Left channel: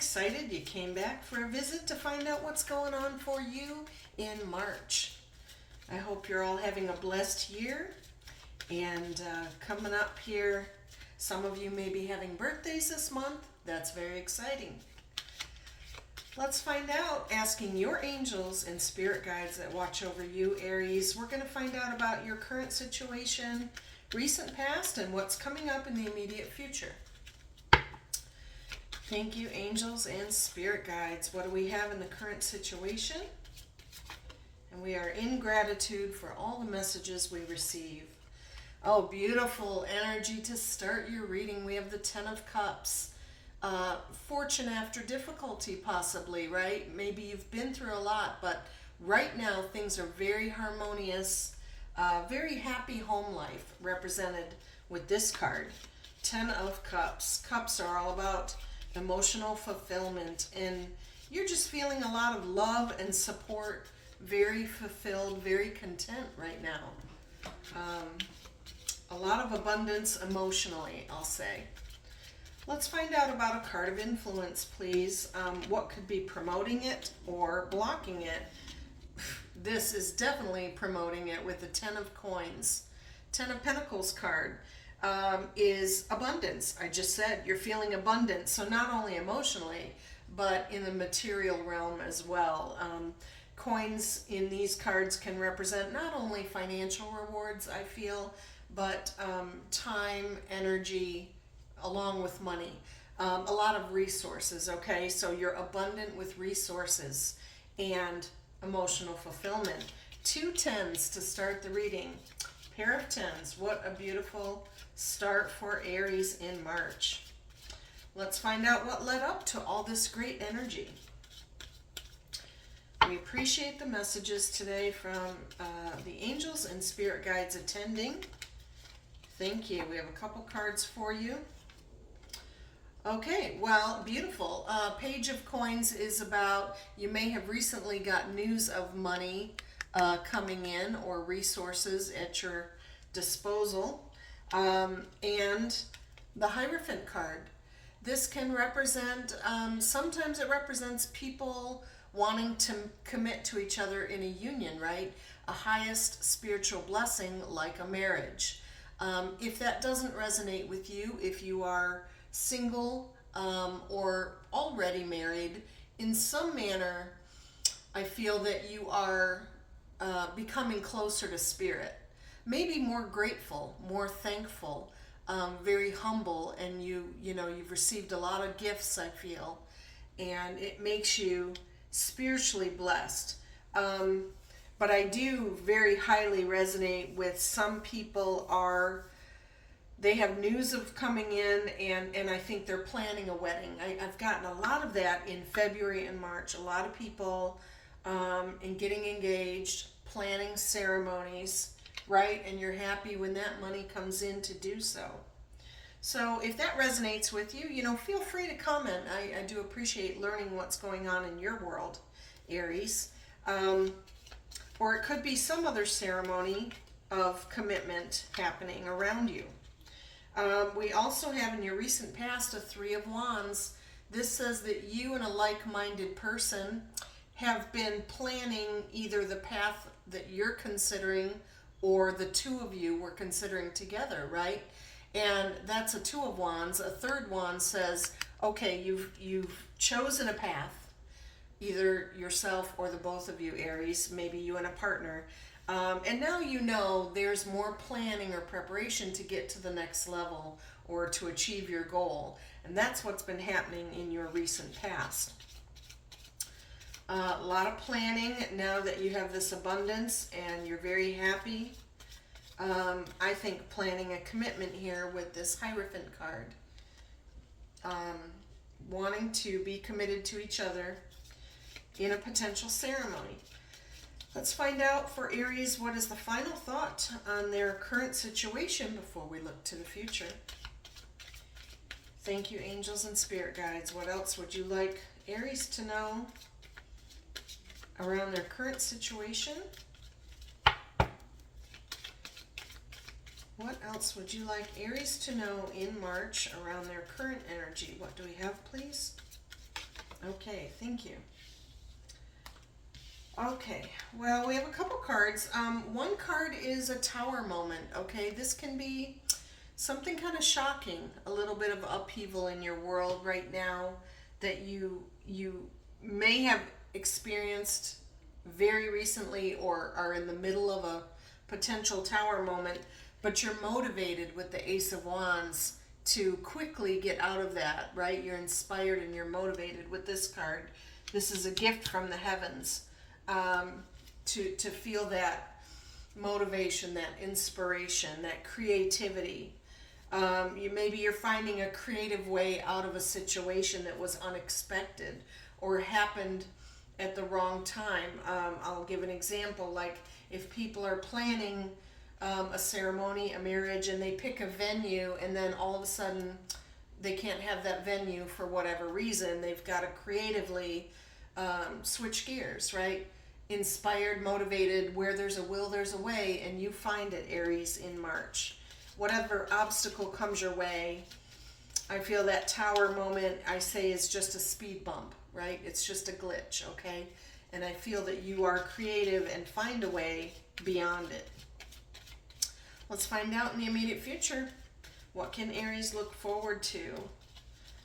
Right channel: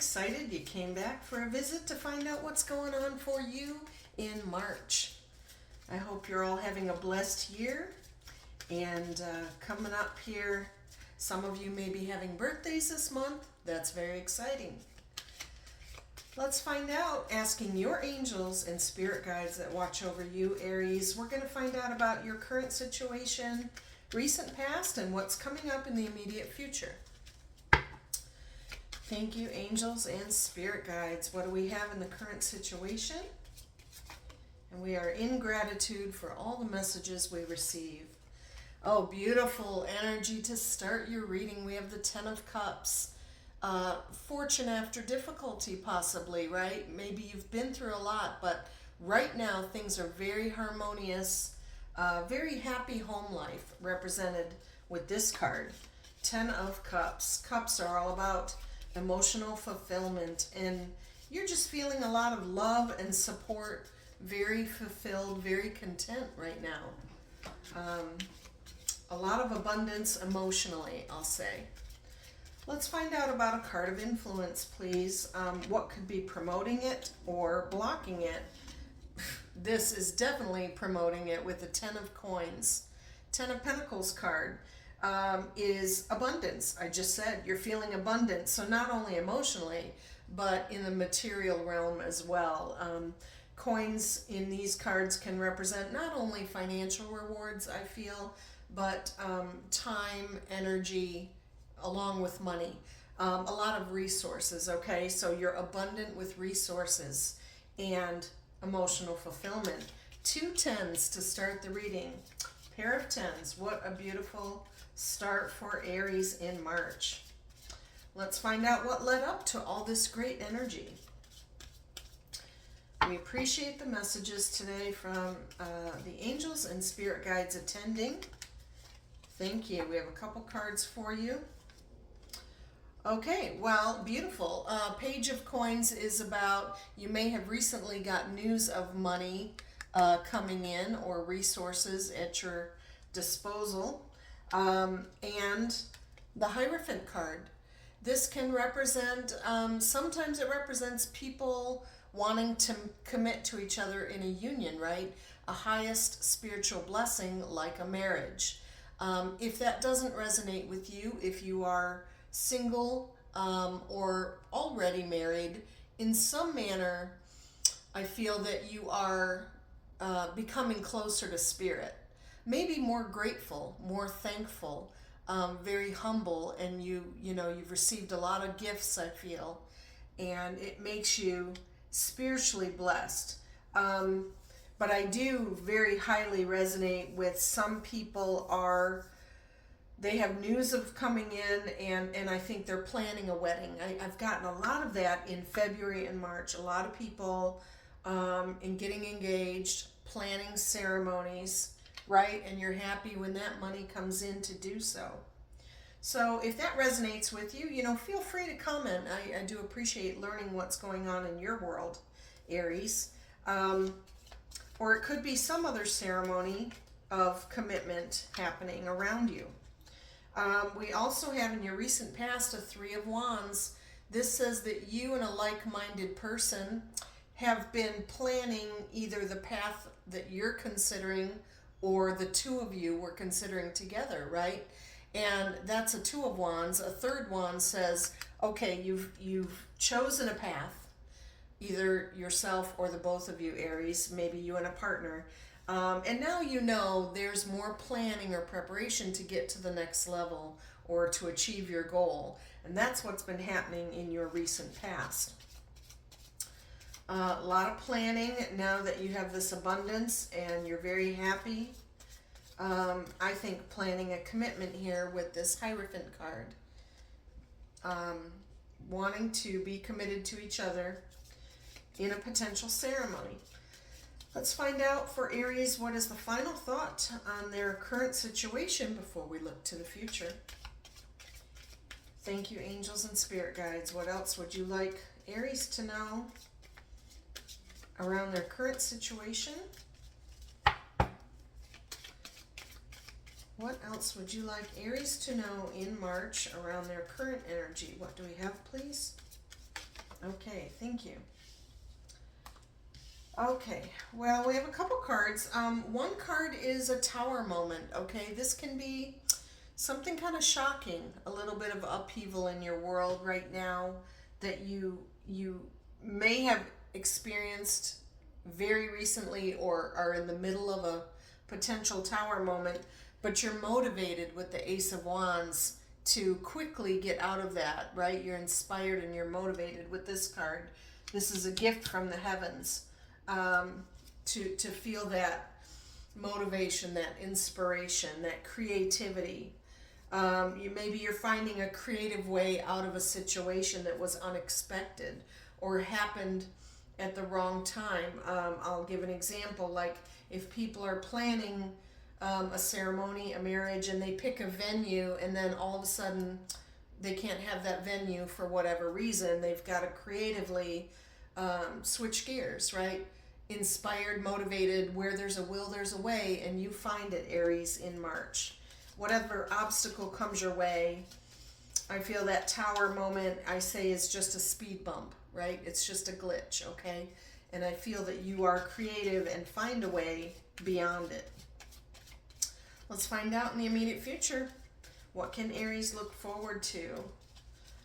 excited you came back for a visit to find out what's going on for you in March. I hope you're all having a blessed year. And coming up here, some of you may be having birthdays this month. That's very exciting. Let's find out, asking your angels and spirit guides that watch over you, Aries. We're going to find out about your current situation, recent past, and what's coming up in the immediate future. Thank you, angels and spirit guides. What do we have in the current situation? And we are in gratitude for all the messages we receive. Oh, beautiful energy to start your reading. We have the Ten of Cups. Fortune after difficulty, possibly, right? Maybe you've been through a lot, but right now things are very harmonious. Very happy home life represented with this card. Ten of Cups. Cups are all about emotional fulfillment, and you're just feeling a lot of love and support. Very fulfilled, very content right now. A lot of abundance emotionally, I'll say. Let's find out about a card of influence, please. What could be promoting it or blocking it? This is definitely promoting it with the Ten of Coins. Ten of Pentacles card is abundance. I just said you're feeling abundant. So not only emotionally, but in the material realm as well. Coins in these cards can represent not only financial rewards, I feel, but time, energy, along with money. A lot of resources, okay? So you're abundant with resources and emotional fulfillment. 2 tens to start the reading. Pair of tens. What a beautiful start for Aries in March. Let's find out what led up to all this great energy. We appreciate the messages today from the angels and spirit guides attending. Thank you. We have a couple cards for you. Okay, well, beautiful. Page of Coins is about, you may have recently got news of money coming in or resources at your disposal. And the Hierophant card. This can represent, sometimes it represents people wanting to commit to each other in a union, right? A highest spiritual blessing like a marriage. If that doesn't resonate with you, if you are single or already married, in some manner, I feel that you are becoming closer to spirit. Maybe more grateful, more thankful, very humble, and you've received a lot of gifts, I feel, and it makes you spiritually blessed. But I do very highly resonate with some people they have news of coming in, and I think they're planning a wedding. I've gotten a lot of that in February and March. A lot of people in getting engaged, planning ceremonies, right? And you're happy when that money comes in to do so. So if that resonates with you, feel free to comment. I do appreciate learning what's going on in your world, Aries. Or it could be some other ceremony of commitment happening around you. We also have in your recent past a 3 of Wands. This says that you and a like-minded person have been planning either the path that you're considering or the two of you were considering together, right? And that's a 2 of Wands. A 3rd wand says, okay, you've chosen a path, either yourself or the both of you, Aries, maybe you and a partner. And now there's more planning or preparation to get to the next level or to achieve your goal. And that's what's been happening in your recent past. A lot of planning now that you have this abundance and you're very happy. I think planning a commitment here with this Hierophant card. Wanting to be committed to each other in a potential ceremony. Let's find out for Aries, what is the final thought on their current situation before we look to the future. Thank you, angels and spirit guides. What else would you like Aries to know around their current situation? What else would you like Aries to know in March around their current energy? What do we have, please? Okay, thank you. Okay, well, we have a couple cards. One card is a tower moment, okay? This can be something kind of shocking, a little bit of upheaval in your world right now that you may have experienced very recently or are in the middle of a potential tower moment, but you're motivated with the Ace of Wands to quickly get out of that, right? You're inspired and you're motivated with this card. This is a gift from the heavens, to feel that motivation, that inspiration, that creativity. Maybe you're finding a creative way out of a situation that was unexpected or happened at the wrong time. I'll give an example. Like if people are planning a ceremony, a marriage, and they pick a venue, and then all of a sudden they can't have that venue for whatever reason, they've got to creatively switch gears, right? Inspired, motivated, where there's a will, there's a way, and you find it, Aries, in March. Whatever obstacle comes your way, I feel that tower moment, I say, is just a speed bump, right? It's just a glitch, okay? And I feel that you are creative and find a way beyond it. Let's find out in the immediate future. What can Aries look forward to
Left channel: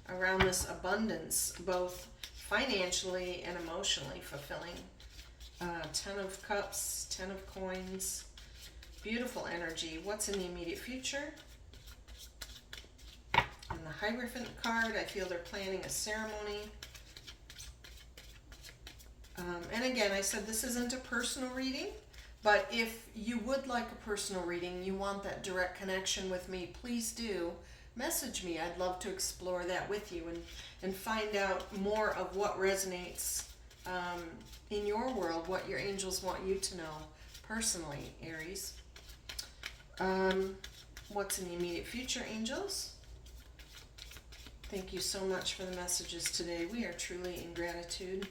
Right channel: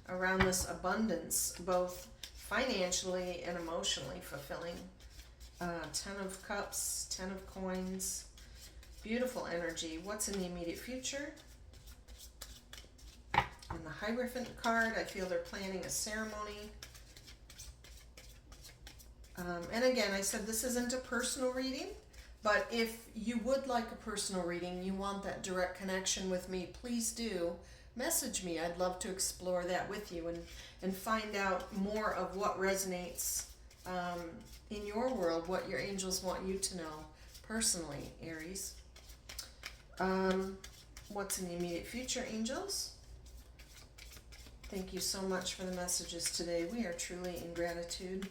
around this abundance, both financially and emotionally fulfilling? 10 of Cups, 10 of Coins. Beautiful energy. What's in the immediate future? And the Hierophant card, I feel they're planning a ceremony. And again, I said this isn't a personal reading, but if you would like a personal reading, you want that direct connection with me, please do message me. I'd love to explore that with you and find out more of what resonates in your world, what your angels want you to know personally, Aries. What's in the immediate future, angels? Thank you so much for the messages today. We are truly in gratitude.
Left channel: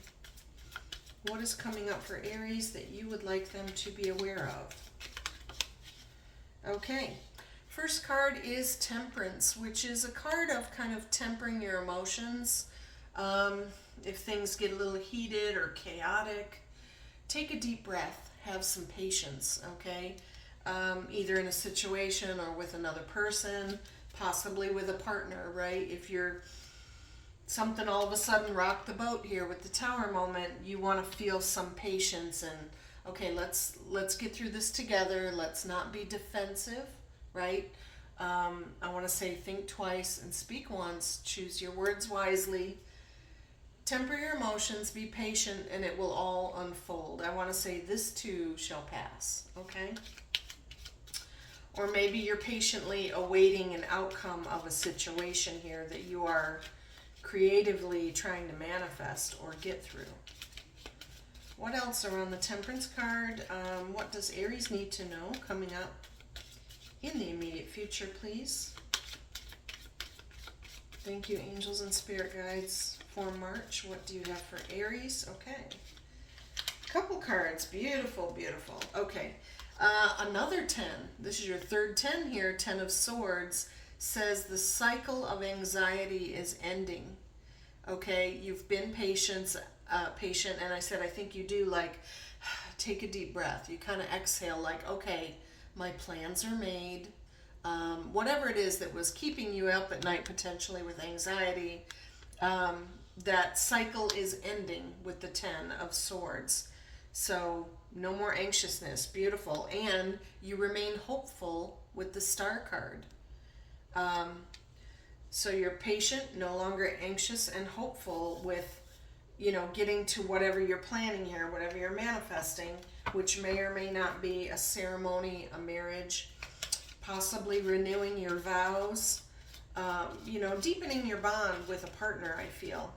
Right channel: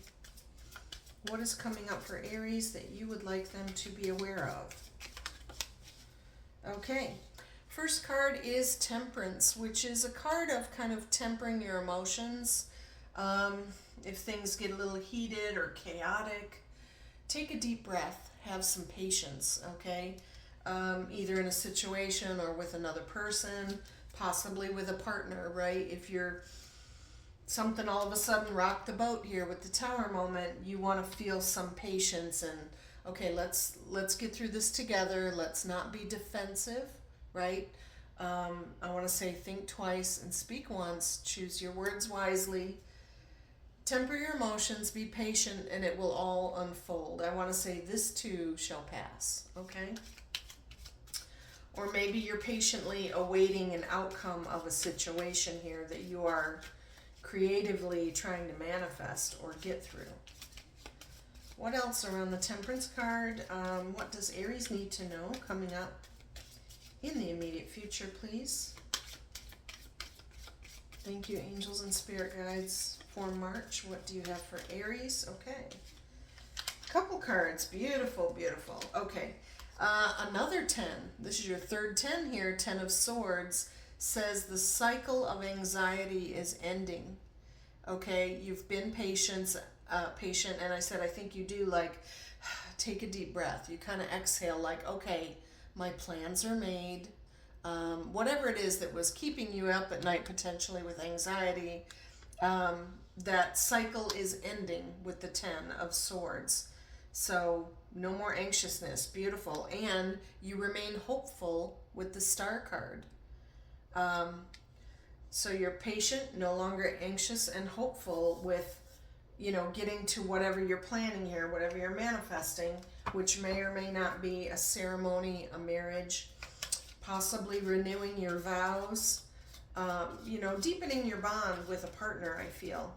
What is coming up for Aries that you would like them to be aware of? Okay, first card is Temperance, which is a card of kind of tempering your emotions. If things get a little heated or chaotic, take a deep breath, have some patience, okay? Either in a situation or with another person, possibly with a partner, right? If you're something all of a sudden rocked the boat here with the tower moment, you want to feel some patience and, okay, let's get through this together. Let's not be defensive, right? I want to say think twice and speak once. Choose your words wisely. Temper your emotions, be patient, and it will all unfold. I want to say this too shall pass, okay? Or maybe you're patiently awaiting an outcome of a situation here that you are creatively trying to manifest or get through. What else around the Temperance card? What does Aries need to know coming up in the immediate future, please? Thank you, angels and spirit guides, for March. What do you have for Aries? Okay. Couple cards. Beautiful, beautiful. Okay. Another 10. This is your third 10 here. 10 of Swords says the cycle of anxiety is ending. Okay, you've been patient, and I said I think you do, like, take a deep breath. You kind of exhale, like, okay, my plans are made. Whatever it is that was keeping you up at night potentially with anxiety, that cycle is ending with the 10 of Swords. So no more anxiousness. Beautiful. And you remain hopeful with the Star card. So you're patient, no longer anxious, and hopeful with, getting to whatever you're planning here, whatever you're manifesting, which may or may not be a ceremony, a marriage, possibly renewing your vows, deepening your bond with a partner, I feel,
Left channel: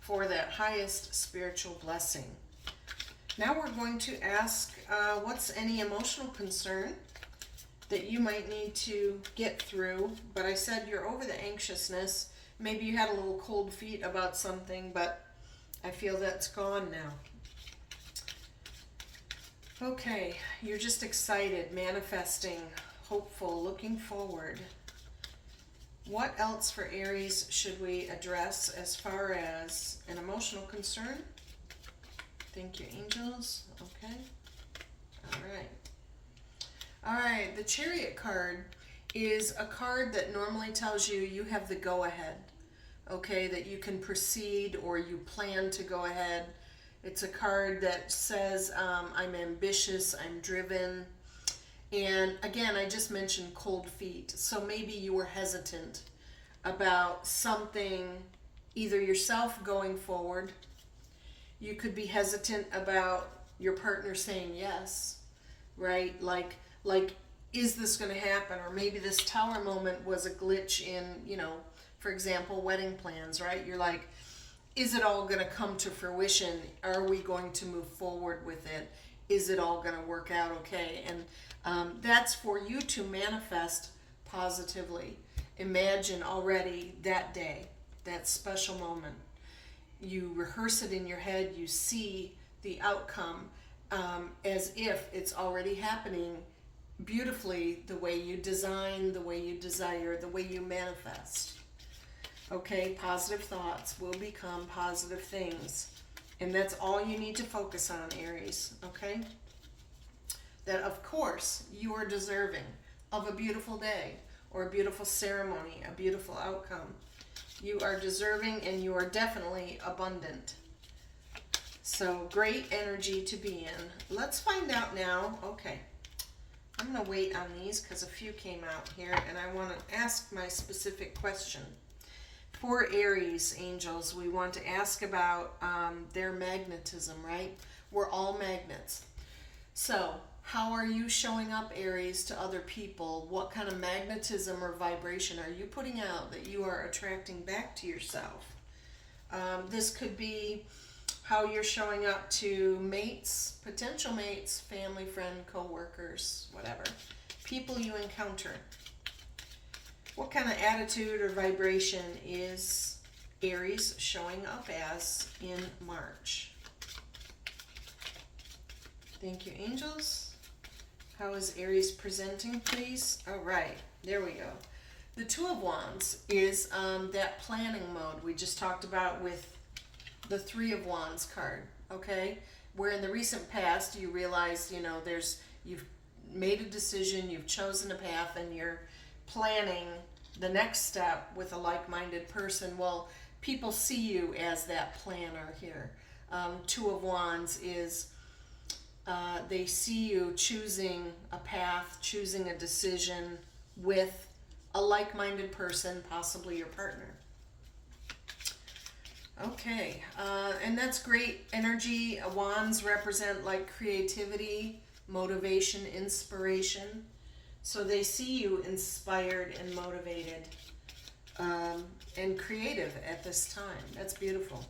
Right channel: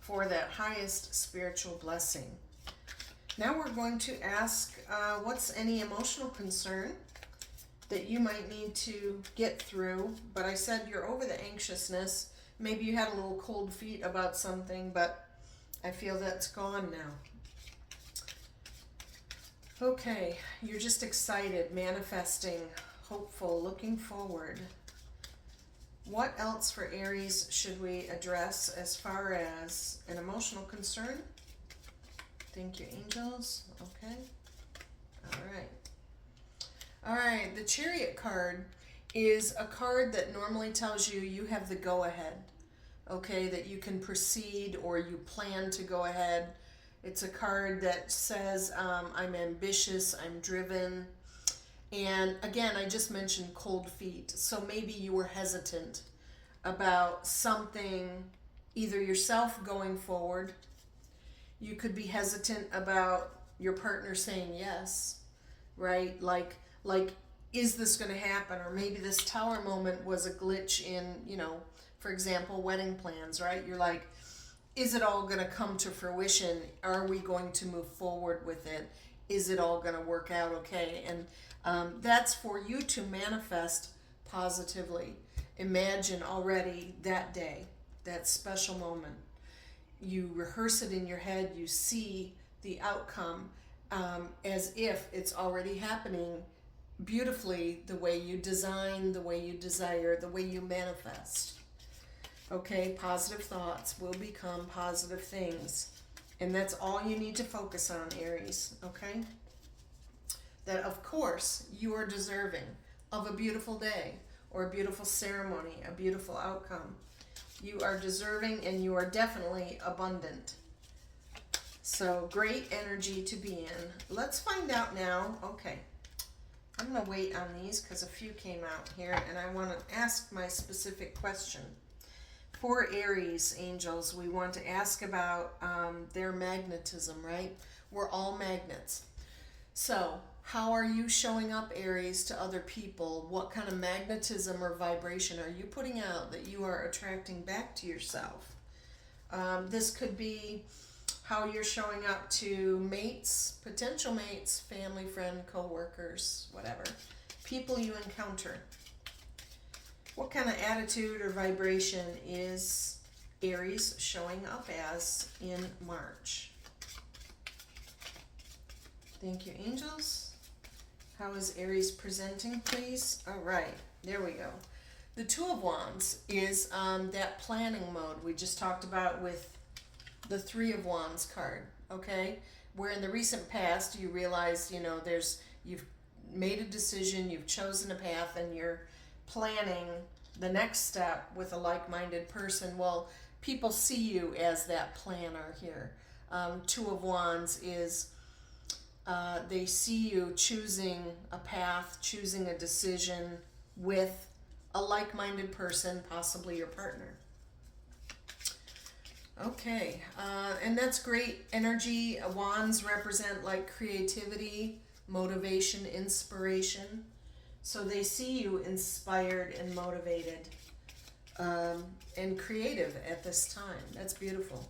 for that highest spiritual blessing. Now we're going to ask, what's any emotional concern that you might need to get through? But I said you're over the anxiousness. Maybe you had a little cold feet about something, but I feel that's gone now. Okay, you're just excited, manifesting, hopeful, looking forward. What else for Aries should we address as far as an emotional concern? Thank you, angels. Okay. All right. All right. The Chariot card is a card that normally tells you you have the go-ahead. Okay, that you can proceed or you plan to go ahead. It's a card that says, I'm ambitious, I'm driven. And again, I just mentioned cold feet. So maybe you were hesitant about something, either yourself going forward. You could be hesitant about your partner saying yes, right? Like, is this going to happen? Or maybe this tower moment was a glitch in, for example, wedding plans, right? You're like, is it all going to come to fruition? Are we going to move forward with it? Is it all going to work out okay? And that's for you to manifest positively. Imagine already that day, that special moment. You rehearse it in your head, you see the outcome as if it's already happening beautifully, the way you design, the way you desire, the way you manifest. Okay, positive thoughts will become positive things. And that's all you need to focus on, Aries, okay? That, of course, you are deserving of a beautiful day or a beautiful ceremony, a beautiful outcome. You are deserving and you are definitely abundant. So, great energy to be in. Let's find out now. Okay, I'm going to wait on these because a few came out here and I want to ask my specific question. For Aries angels, we want to ask about their magnetism, right? We're all magnets. So, how are you showing up, Aries, to other people? What kind of magnetism or vibration are you putting out that you are attracting back to yourself? This could be how you're showing up to mates, potential mates, family, friend, co-workers, whatever. People you encounter. What kind of attitude or vibration is Aries showing up as in March? Thank you, angels. How is Aries presenting, please? All right, there we go. The Two of Wands is that planning mode we just talked about with the Three of Wands card, okay? Where in the recent past you realize, you've made a decision, you've chosen a path, and you're planning the next step with a like-minded person. Well, people see you as that planner here. Two of Wands is they see you choosing a path, choosing a decision with a like-minded person, possibly your partner. Okay, and that's great energy. Wands represent like creativity, motivation, inspiration. So they see you inspired and motivated and creative at this time. That's beautiful.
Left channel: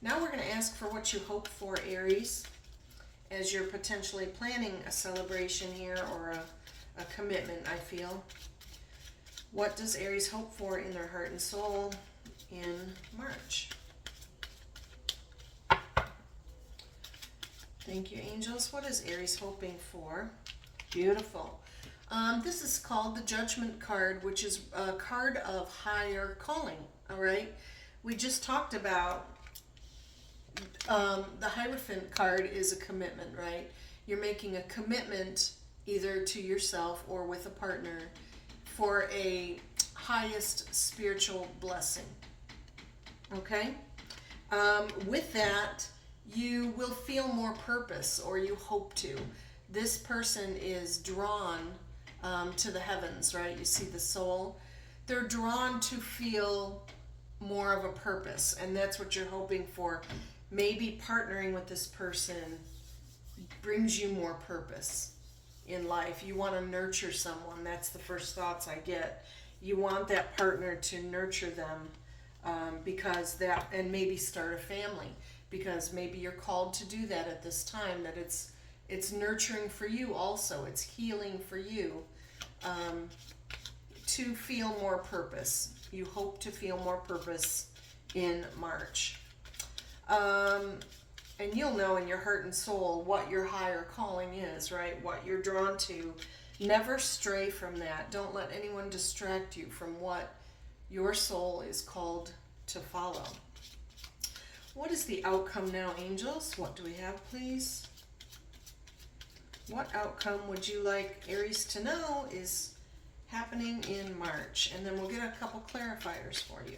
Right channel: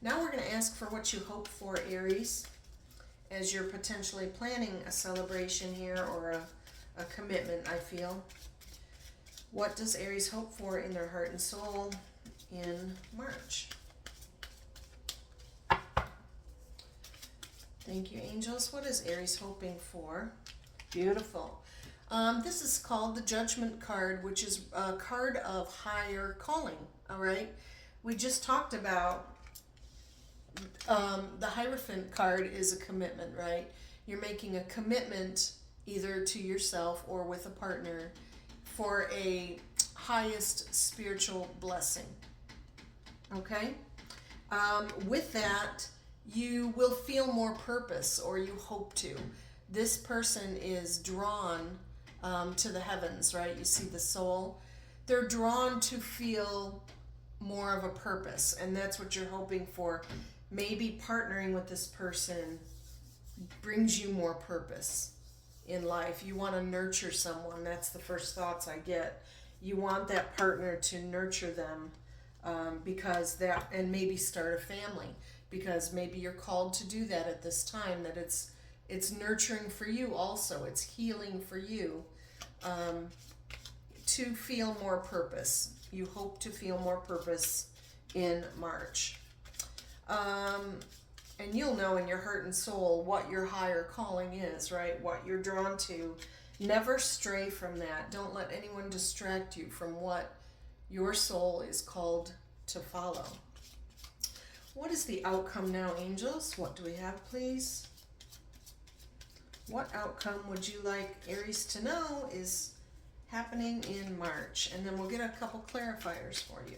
Now we're going to ask for what you hope for, Aries, as you're potentially planning a celebration here or a commitment, I feel. What does Aries hope for in their heart and soul in March? Thank you, angels. What is Aries hoping for? Beautiful. This is called the Judgment card, which is a card of higher calling, all right? We just talked about the Hierophant card is a commitment, right? You're making a commitment either to yourself or with a partner for a highest spiritual blessing, okay? With that, you will feel more purpose, or you hope to. This person is drawn to the heavens, right? You see the soul. They're drawn to feel more of a purpose, and that's what you're hoping for. Maybe partnering with this person brings you more purpose in life. You want to nurture someone. That's the first thoughts I get. You want that partner to nurture them because that, and maybe start a family, because maybe you're called to do that at this time, that it's nurturing for you also. It's healing for you to feel more purpose. You hope to feel more purpose in March. And you'll know in your heart and soul what your higher calling is, right? What you're drawn to Never stray from that. Don't let anyone distract you from what your soul is called to follow. What is the outcome now, angels? What do we have, please? What outcome would you like Aries to know is happening in March? And then we'll get a couple clarifiers for you.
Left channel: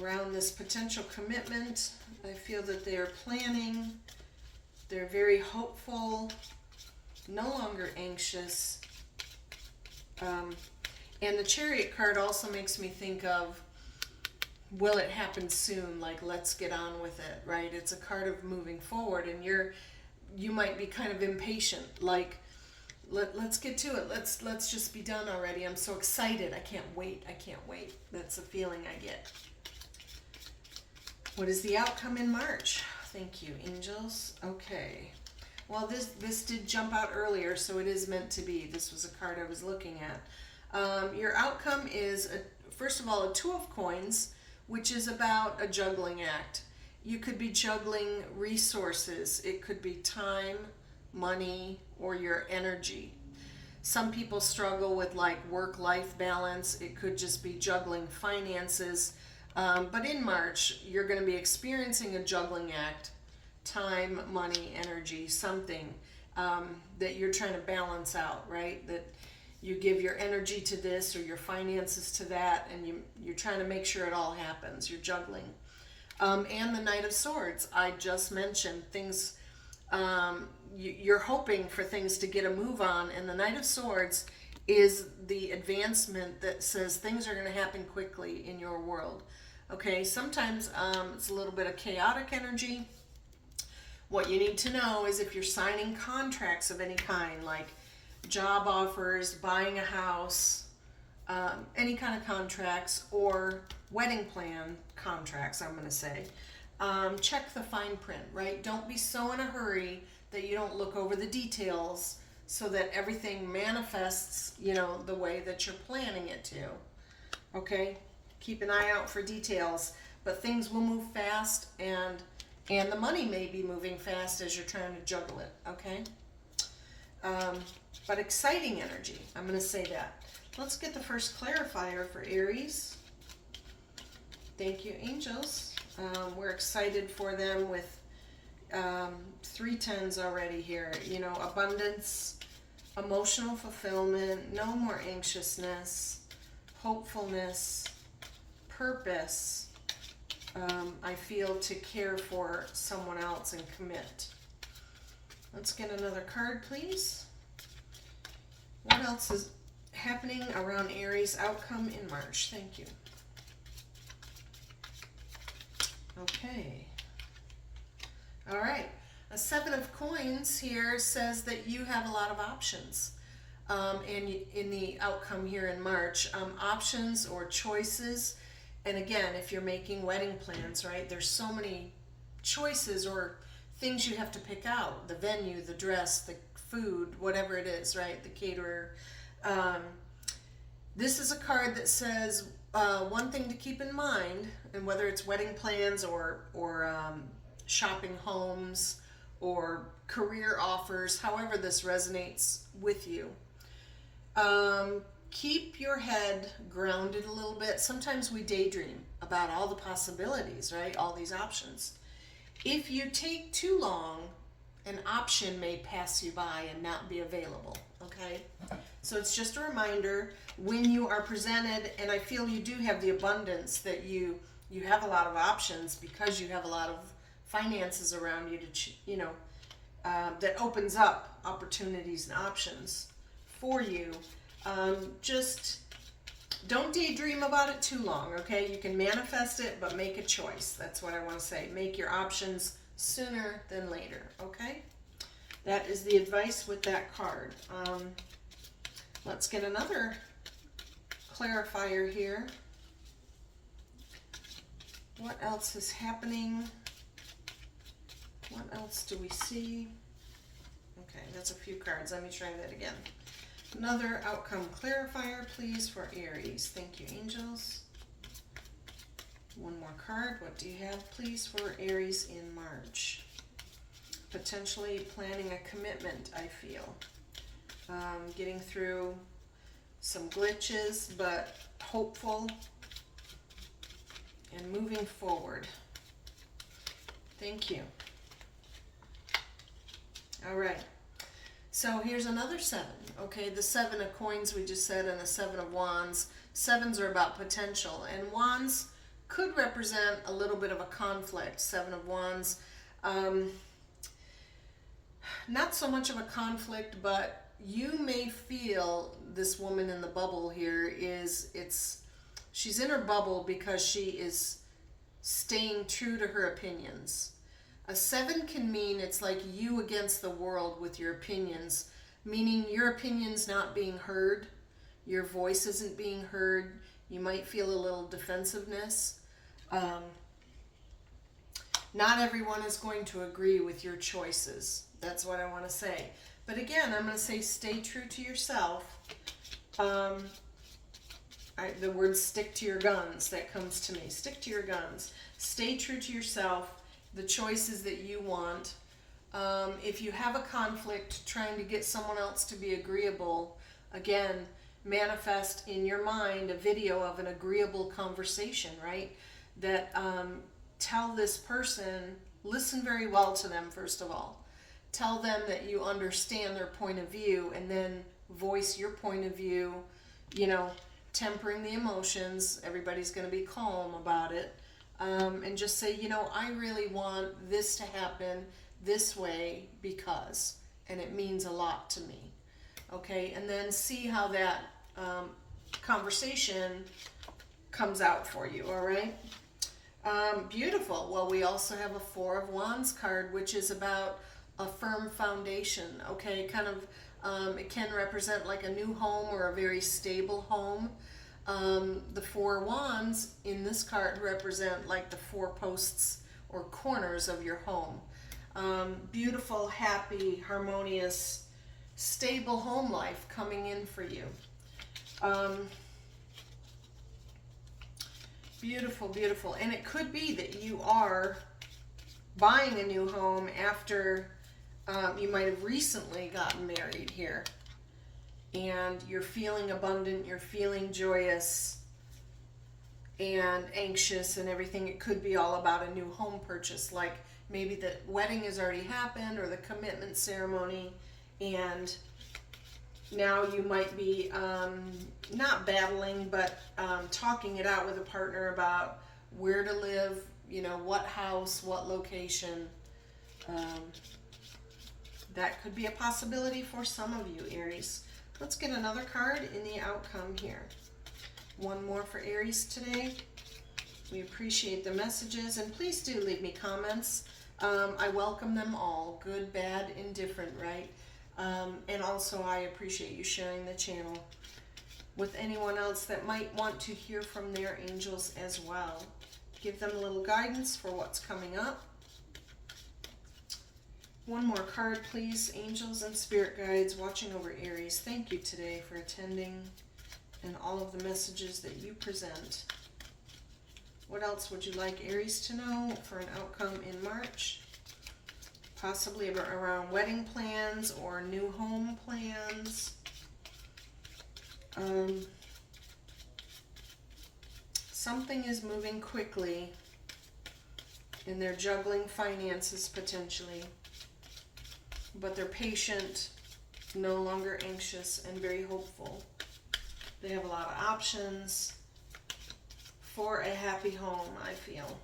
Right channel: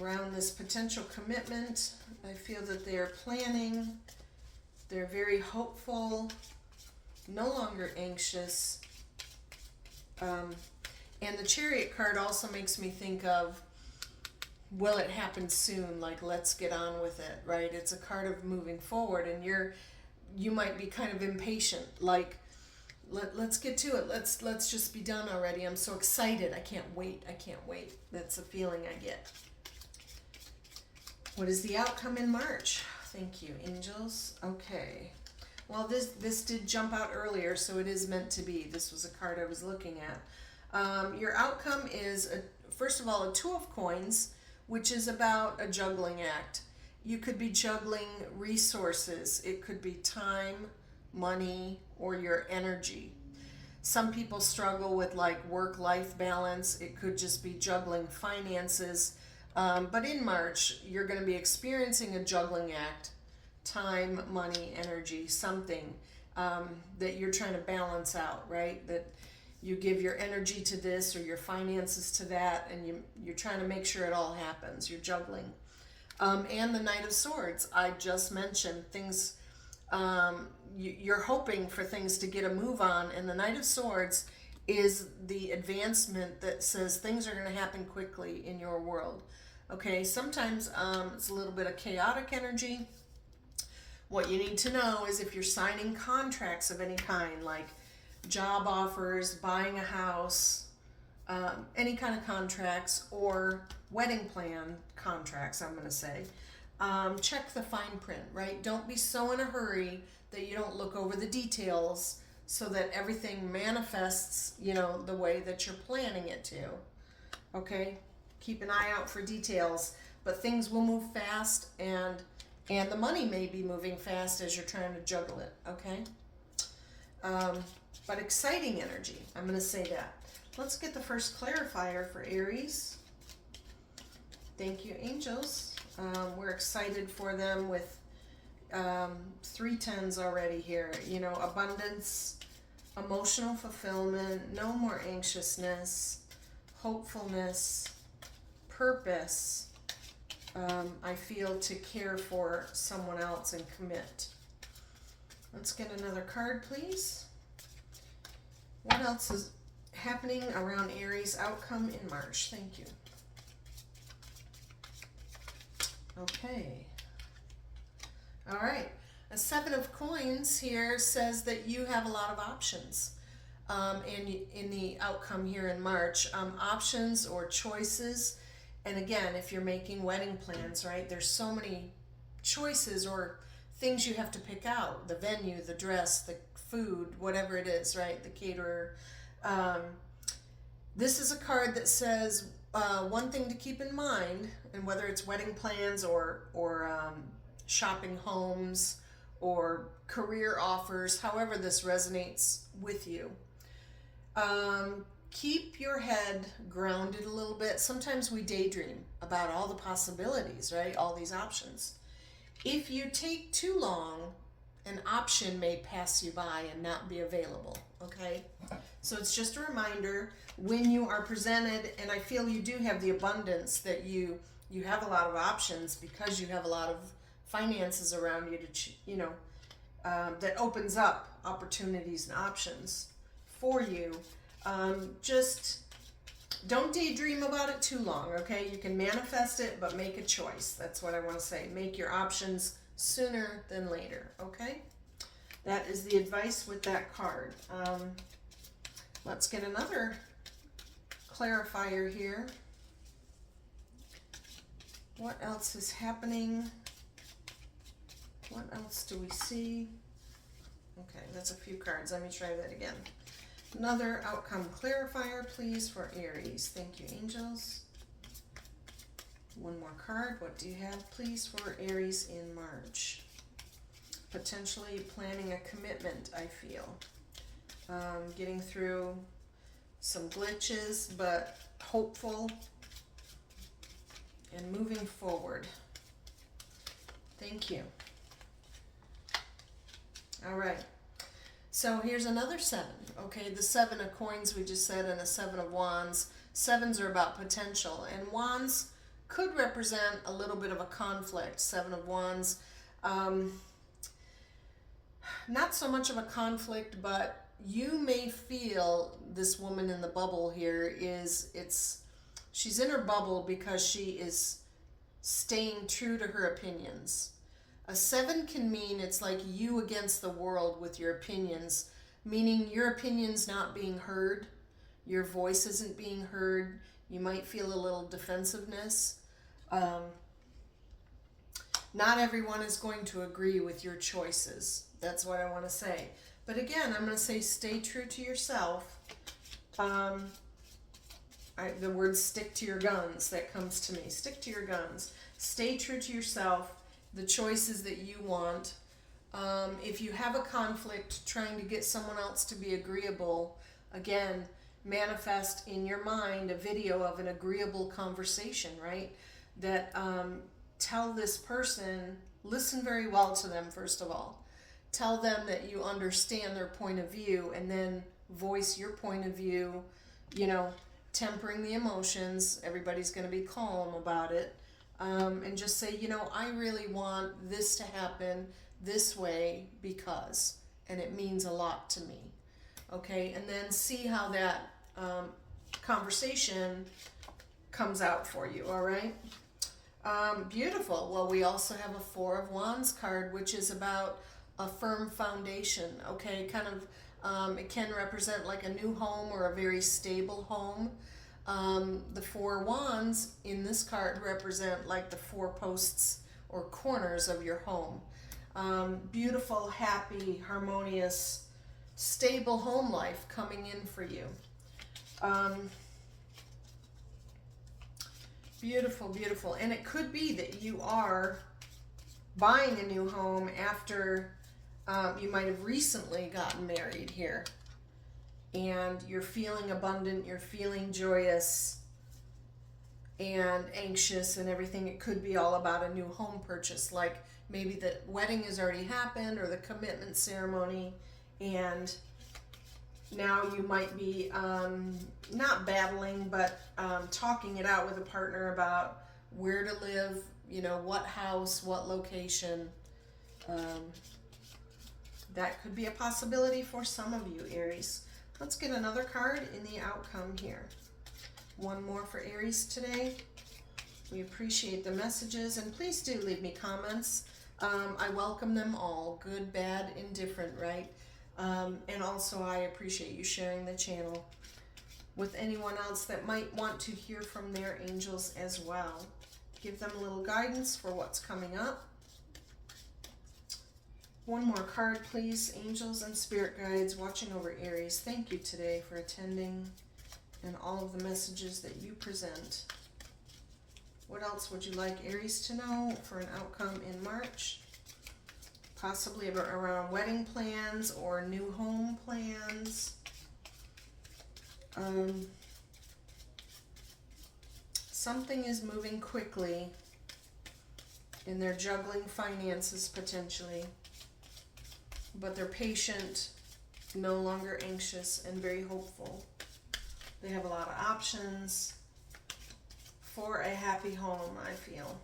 Around this potential commitment, I feel that they're planning, they're very hopeful, no longer anxious. And the Chariot card also makes me think of, will it happen soon? Like, let's get on with it, right? It's a card of moving forward, and you might be kind of impatient, like, let's get to it. Let's just be done already. I'm so excited. I can't wait. That's the feeling I get. What is the outcome in March? Thank you, angels. Okay. Well, this did jump out earlier, so it is meant to be. This was a card I was looking at. Your outcome is, first of all, a Two of Coins, which is about a juggling act. You could be juggling resources. It could be time, money, or your energy. Some people struggle with like work-life balance. It could just be juggling finances. But in March, you're going to be experiencing a juggling act. Time, money, energy, something that you're trying to balance out, right? That you give your energy to this or your finances to that, and you're trying to make sure it all happens. You're juggling. And the Knight of Swords, I just mentioned things, you're hoping for things to get a move on, and the Knight of Swords is the advancement that says things are going to happen quickly in your world. Okay, sometimes it's a little bit of chaotic energy. What you need to know is if you're signing contracts of any kind, like job offers, buying a house, any kind of contracts, or wedding plan contracts, I'm going to say, check the fine print, right? Don't be so in a hurry that you don't look over the details so that everything manifests, the way that you're planning it to. Okay? Keep an eye out for details, but things will move fast, and the money may be moving fast as you're trying to juggle it, okay? But exciting energy, I'm going to say that. Let's get the first clarifier for Aries. Thank you, angels. We're excited for them with 3 tens already here. Abundance, emotional fulfillment, no more anxiousness, hopefulness, purpose. I feel to care for someone else and commit. Let's get another card, please. What else is happening around Aries outcome in March? Thank you. Okay. All right. A 7 of Coins here says that you have a lot of options. And in the outcome here in March, options or choices. And again, if you're making wedding plans, right, there's so many choices or things you have to pick out. The venue, the dress, the food, whatever it is, right, the caterer. This is a card that says one thing to keep in mind, and whether it's wedding plans or shopping homes or career offers, however this resonates with you. Keep your head grounded a little bit. Sometimes we daydream about all the possibilities, right? All these options. If you take too long, an option may pass you by and not be available, okay? So it's just a reminder when you are presented, and I feel you do have the abundance that you have a lot of options because you have a lot of finances around you to, that opens up opportunities and options for you. Just don't daydream about it too long, okay? You can manifest it, but make a choice. That's what I want to say. Make your options sooner than later, okay? That is the advice with that card. Let's get another clarifier here. What else is happening? What else do we see? Okay, that's a few cards. Let me try that again. Another outcome clarifier, please, for Aries. Thank you, angels. One more card. What do you have, please, for Aries in March? Potentially planning a commitment, I feel. Getting through some glitches, but hopeful and moving forward. Thank you. All right. So here's another 7. Okay, the 7 of coins we just said, and a 7 of wands. 7s are about potential, and wands could represent a little bit of a conflict. 7 of wands, not so much of a conflict, but you may feel this woman in the bubble here she's in her bubble because she is staying true to her opinions. A 7 can mean it's like you against the world with your opinions, meaning your opinion's not being heard, your voice isn't being heard, you might feel a little defensiveness. Not everyone is going to agree with your choices. That's what I want to say. But again, I'm going to say stay true to yourself. The word stick to your guns, that comes to me. Stick to your guns. Stay true to yourself, the choices that you want. If you have a conflict trying to get someone else to be agreeable, again, manifest in your mind a video of an agreeable conversation, right? That tell this person, listen very well to them, first of all. Tell them that you understand their point of view, and then voice your point of view, tempering the emotions. Everybody's going to be calm about it. And just say, I really want this to happen this way because, and it means a lot to me. Okay, and then see how that conversation comes out for you, all right? Beautiful. Well, we also have a 4 of Wands card, which is about a firm foundation, okay? Kind of, it can represent like a new home or a very stable home. The 4 wands in this card represent like the 4 posts or corners of your home. Beautiful, happy, harmonious, stable home life coming in for you. Beautiful, beautiful. And it could be that you are buying a new home after you might have recently gotten married here. And you're feeling abundant, you're feeling joyous and anxious and everything. It could be all about a new home purchase, like maybe the wedding has already happened or the commitment ceremony, and now you might be not battling, but talking it out with a partner about where to live, what house, what location. That could be a possibility for some of you, Aries. Let's get another card in the outcome here. One more for Aries today. We appreciate the messages, and please do leave me comments. I welcome them all, good, bad, indifferent, right? And also I appreciate you sharing the channel with anyone else that might want to hear from their angels as well. Give them a little guidance for what's coming up. One more card, please. Angels and spirit guides watching over Aries. Thank you today for attending and all of the messages that you present. What else would you like Aries to know for an outcome in March? Possibly around wedding plans or new home plans. Something is moving quickly and they're juggling finances potentially. But they're patient, no longer anxious, and very hopeful. They have a lot of options for a happy home, I feel.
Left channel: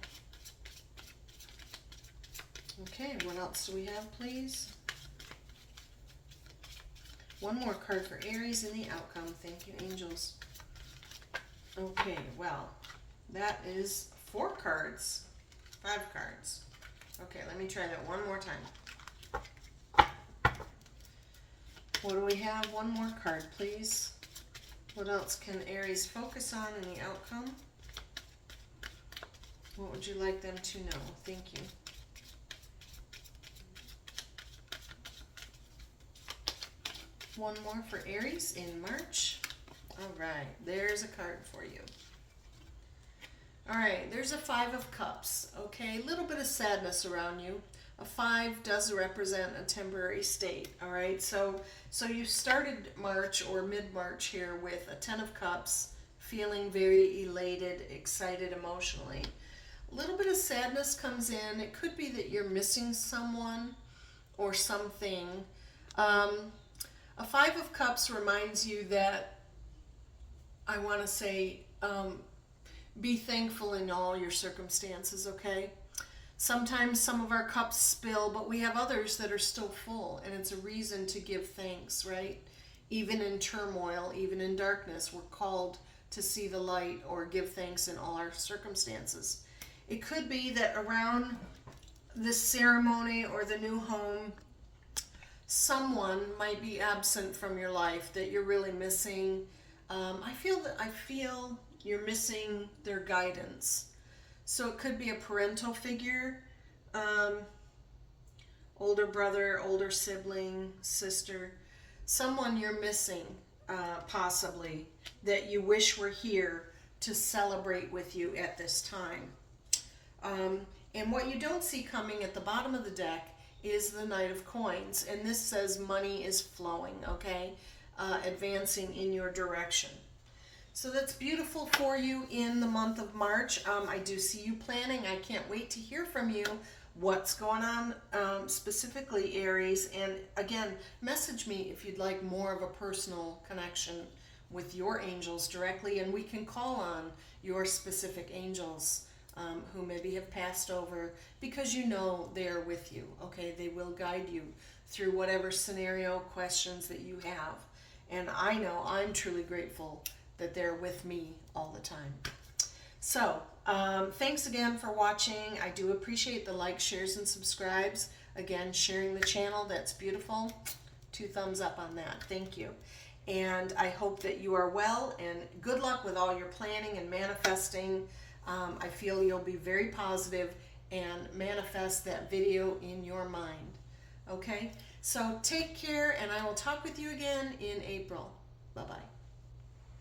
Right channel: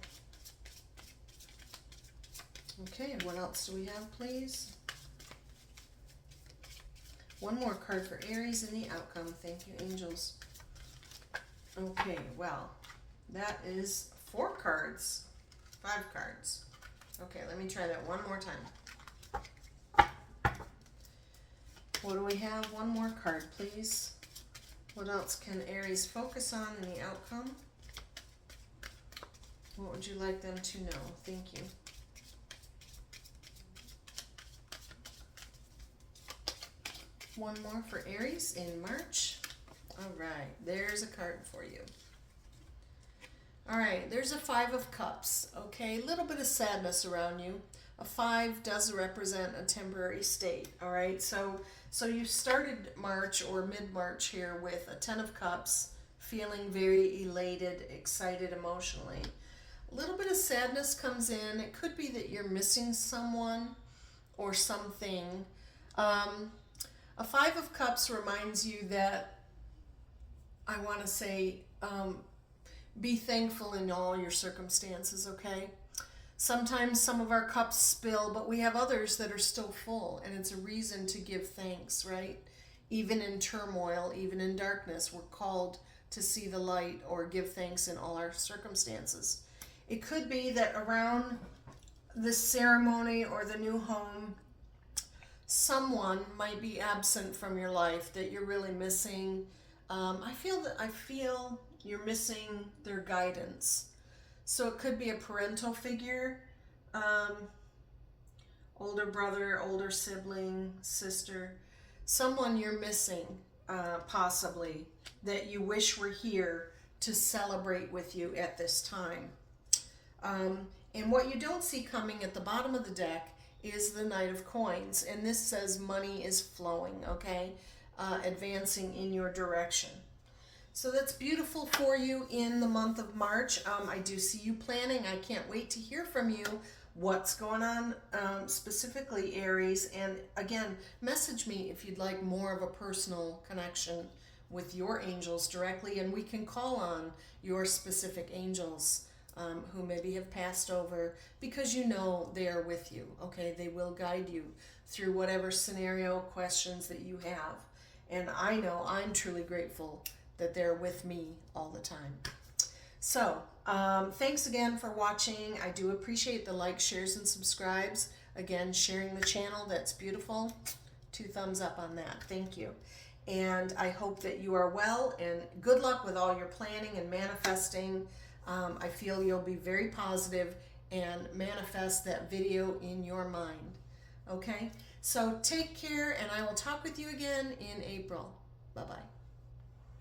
Okay, what else do we have, please? One more card for Aries in the outcome. Thank you, angels. Okay, well, that is 4 cards. 5 cards. Okay, let me try that one more time. What do we have? One more card, please. What else can Aries focus on in the outcome? What would you like them to know? Thank you. One more for Aries in March. All right, there's a card for you. All right, there's a 5 of Cups. Okay, a little bit of sadness around you. A 5 does represent a temporary state, all right? So you started March or mid-March here with a 10 of Cups, feeling very elated, excited emotionally. A little bit of sadness comes in. It could be that you're missing someone or something. A 5 of Cups reminds you that, I want to say, be thankful in all your circumstances, okay? Sometimes some of our cups spill, but we have others that are still full, and it's a reason to give thanks, right? Even in turmoil, even in darkness, we're called to see the light or give thanks in all our circumstances. It could be that around this ceremony or the new home, someone might be absent from your life that you're really missing. I feel you're missing their guidance. So it could be a parental figure, older brother, older sibling, sister, someone you're missing, possibly, that you wish were here to celebrate with you at this time. And what you don't see coming at the bottom of the deck is the Knight of Coins. And this says money is flowing, okay? Advancing in your direction. So that's beautiful for you in the month of March. I do see you planning. I can't wait to hear from you what's going on, specifically Aries. And again, message me if you'd like more of a personal connection with your angels directly, and we can call on your specific angels who maybe have passed over, because you know they're with you, okay? They will guide you through whatever scenario, questions that you have. And I know I'm truly grateful that they're with me all the time. So, thanks again for watching. I do appreciate the likes, shares, and subscribes. Again, sharing the channel, that's beautiful. 2 thumbs up on that. Thank you. And I hope that you are well, and good luck with all your planning and manifesting. I feel you'll be very positive and manifest that video in your mind. Okay? So take care, and I will talk with you again in April. Bye-bye.